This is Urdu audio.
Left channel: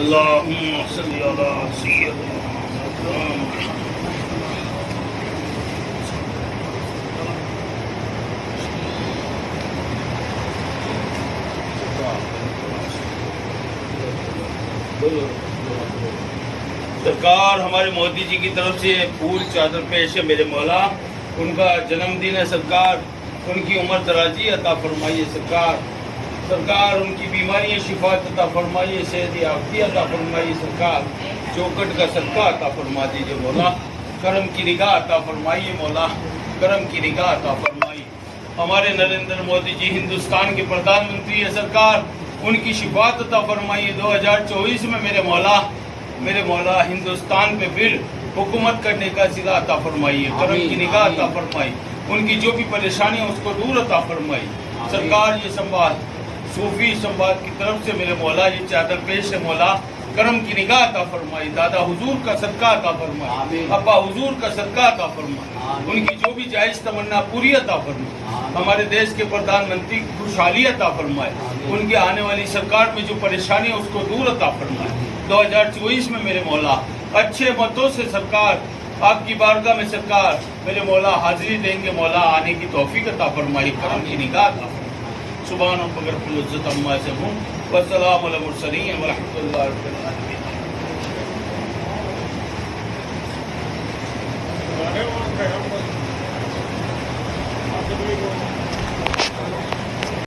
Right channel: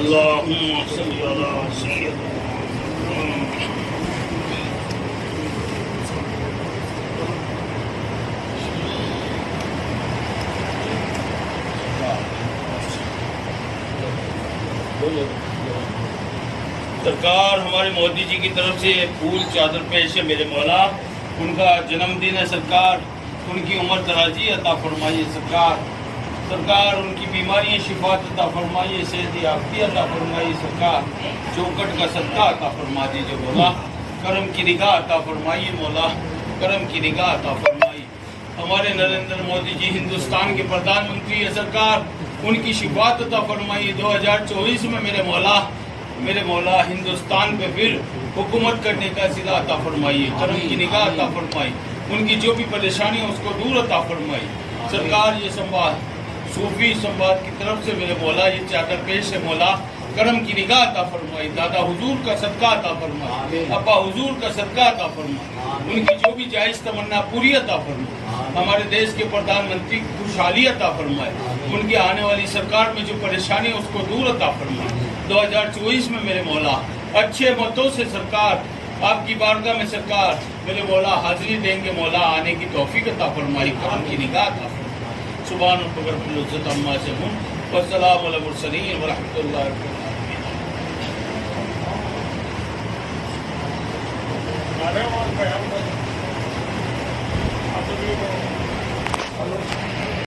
اللهم صل على سيدنا سرکار ہمارے مودی جی کی طرف سے پھول چادر پیش ہے میرے مولا. ان کا جنم دن ہے سرکار. ان کی عمر درازی عطا فرمائیے سرکار. سرکار ان کی بیماریاں شفات عطا فرمائیے, صحت یافتگی عطا فرمائیے سرکار. چوکٹ کا صدقہ عطا فرما دیجیے مولا. کرم کی نگاہ عطا فرمائیے مولا. کرم کی نگاہ عطا فرمائیے. ہمارے نریندر مودی جی ہندوستان کے پردھان منتری ہے سرکار. ان کی شفات عطا فرمائیے. 2024 میں میرے مولا ہندوستان پہ پھر حکومت کرنے کا صلہ عطا فرمائیے. کرم کی نگاہ عطا فرمائیے. ان کی جو بھی پریشانی ہے اس کو دور عطا فرمائیے سرکار. یہ سنبھال صوفی سنبھال کی طرف سے میرے مولا یہ چادر پیش ہے مولا. کرم کی نگاہ عطا فرمائی. دادا حضور کا صدقہ عطا فرمائی. ابا حضور کا صدقہ عطا فرمائی. ان کی جو بھی جائز تمنا پوری عطا فرمائی. ہمارے دیش کے پردھان منتری کی خوشحالی عطا فرمائے. ان کے آنے والی سرکار میں جو پریشانی ہے اس کو دور عطا فرمائے. 2024 میں میرے مولا اچھے متوں سے سرکار آپ کی بارگاہ میں سرکار میرے مولا حاضری دیں گے مولا. آنے کی توفیق عطا فرمائی. کرم کی نگاہ عطا فرمائی. سبحان ربک رب العزت عما یصفون والسلام علی المرسلین والحمد للہ رب العالمین.